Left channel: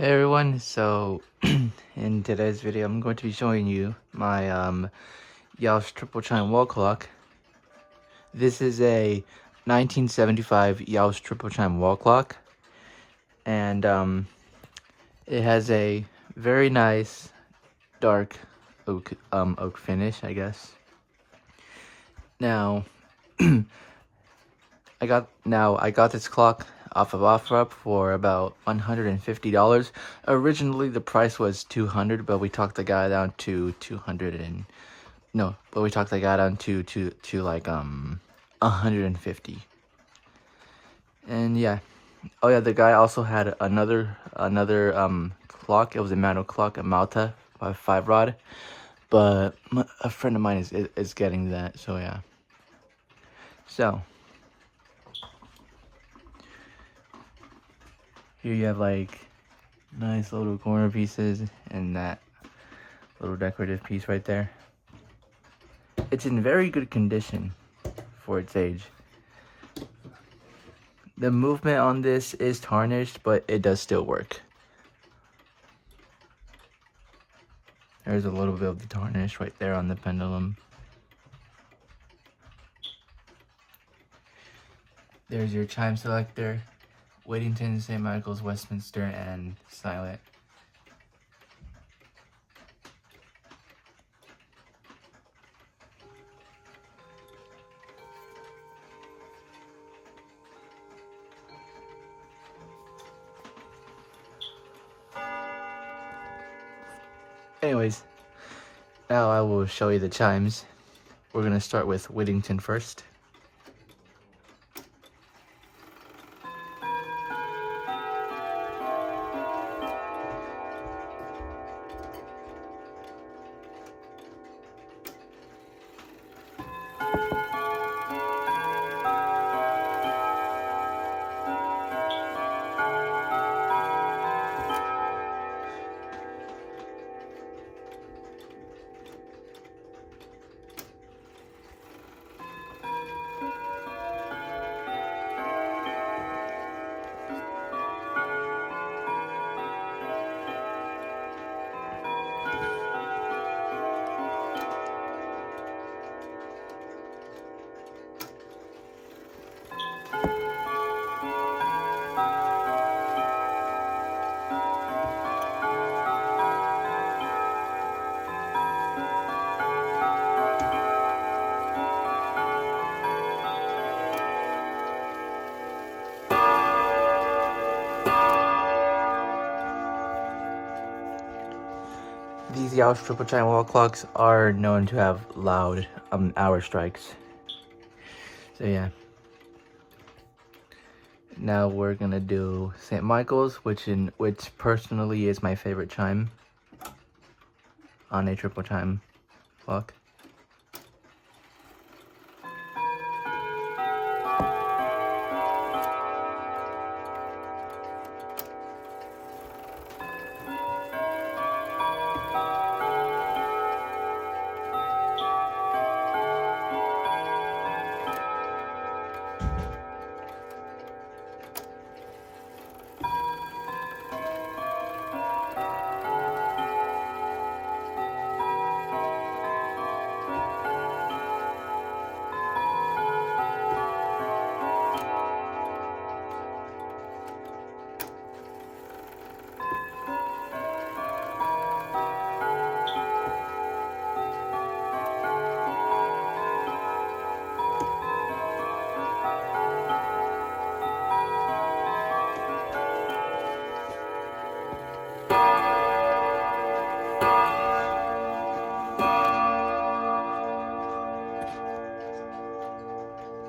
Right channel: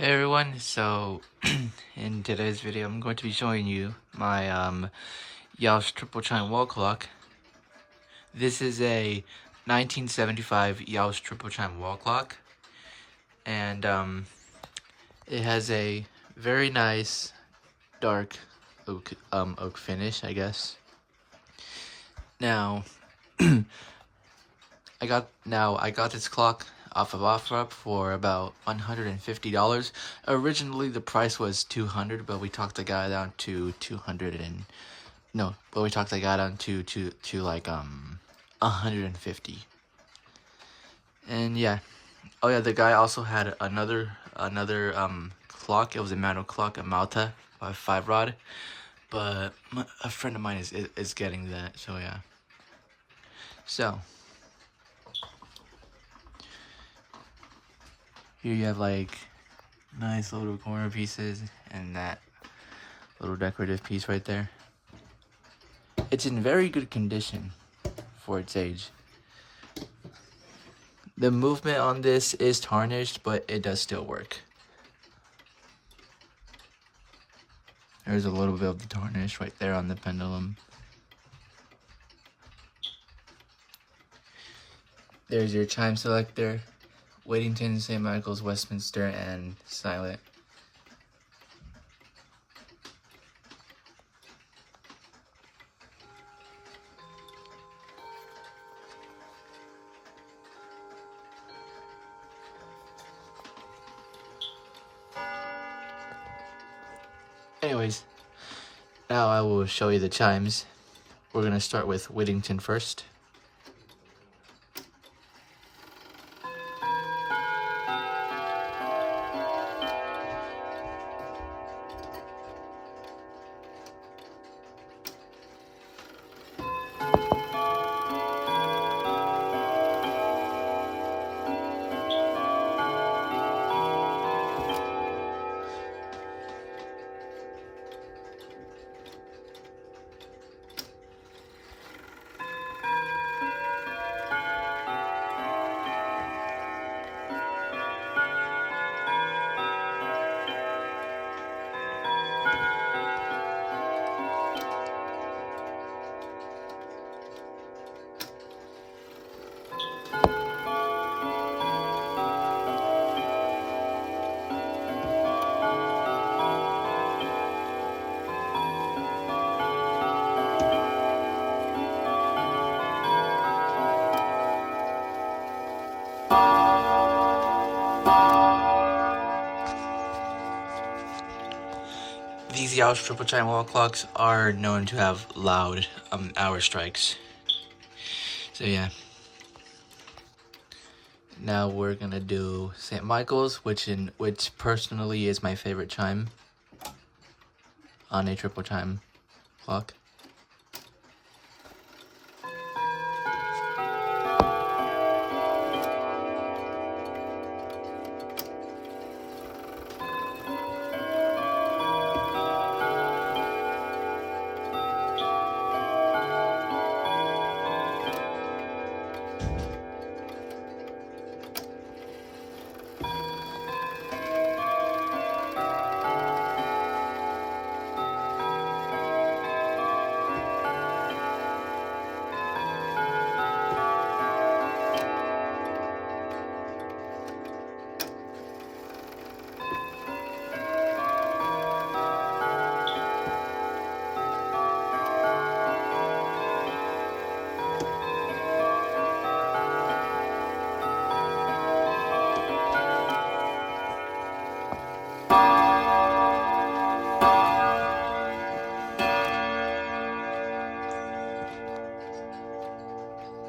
Hey everyone, so in today's video I'm going to be showing you my Jauch triple chime wall clock. This is a 1975 Jauch triple chime wall clock, and it has a very nice dark oak finish, I guess. Now I got this clock off of OfferUp for about $150. Originally the price was $200, but we talked the guy down to 200 and no, but we talked the guy down to like 150. And yeah. Oh yeah, the guy also had another clock. It was a manual clock, a Malta by 5 rod, but a friend of mine is getting that, so yeah. So here you have like nice little corner pieces and that little decorative piece right there. It's in very good condition for its age. The movement on this is tarnished, but it does still work. There's a little bit of the tarnish right there on the pendulum. There's your chime selector, Whittington, St. Michael's, Westminster, and silent. Anyways, now I will show you the chimes. We're gonna start with Whittington first. These Jauch triple chime wall clocks are known to have loud hour strikes. So yeah. Now we're gonna do St. Michael's, which personally is my favorite chime on a triple chime clock.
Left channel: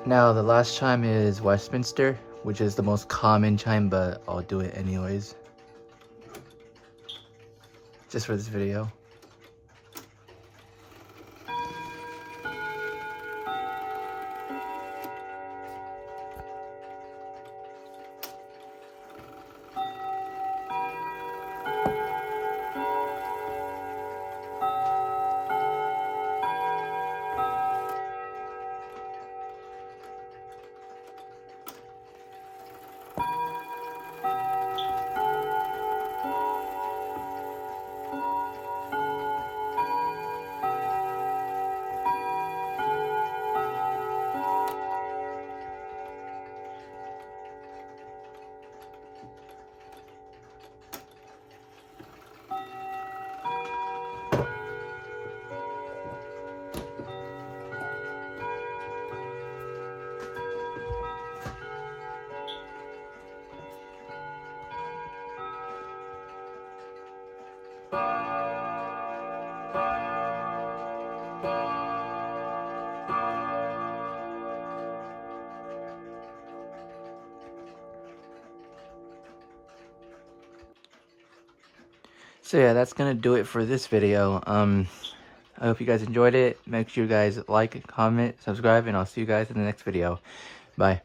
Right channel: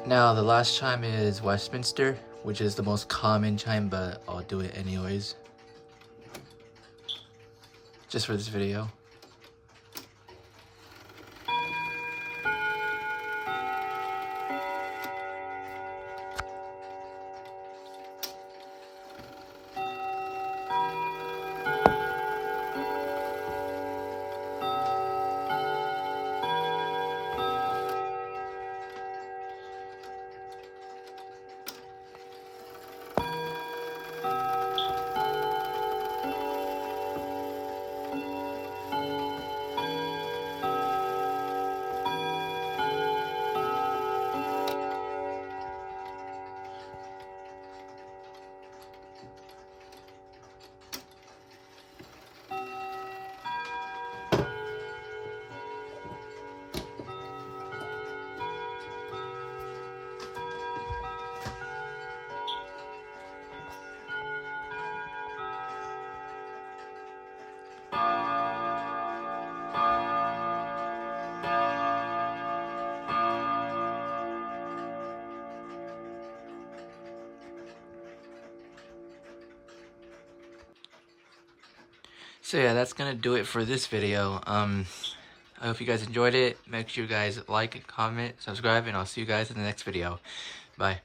Now the last chime is Westminster, which is the most common chime, but I'll do it anyways, just for this video. So yeah, that's gonna do it for this video. I hope you guys enjoyed it. Make sure you guys like, comment, subscribe, and I'll see you guys in the next video. Bye.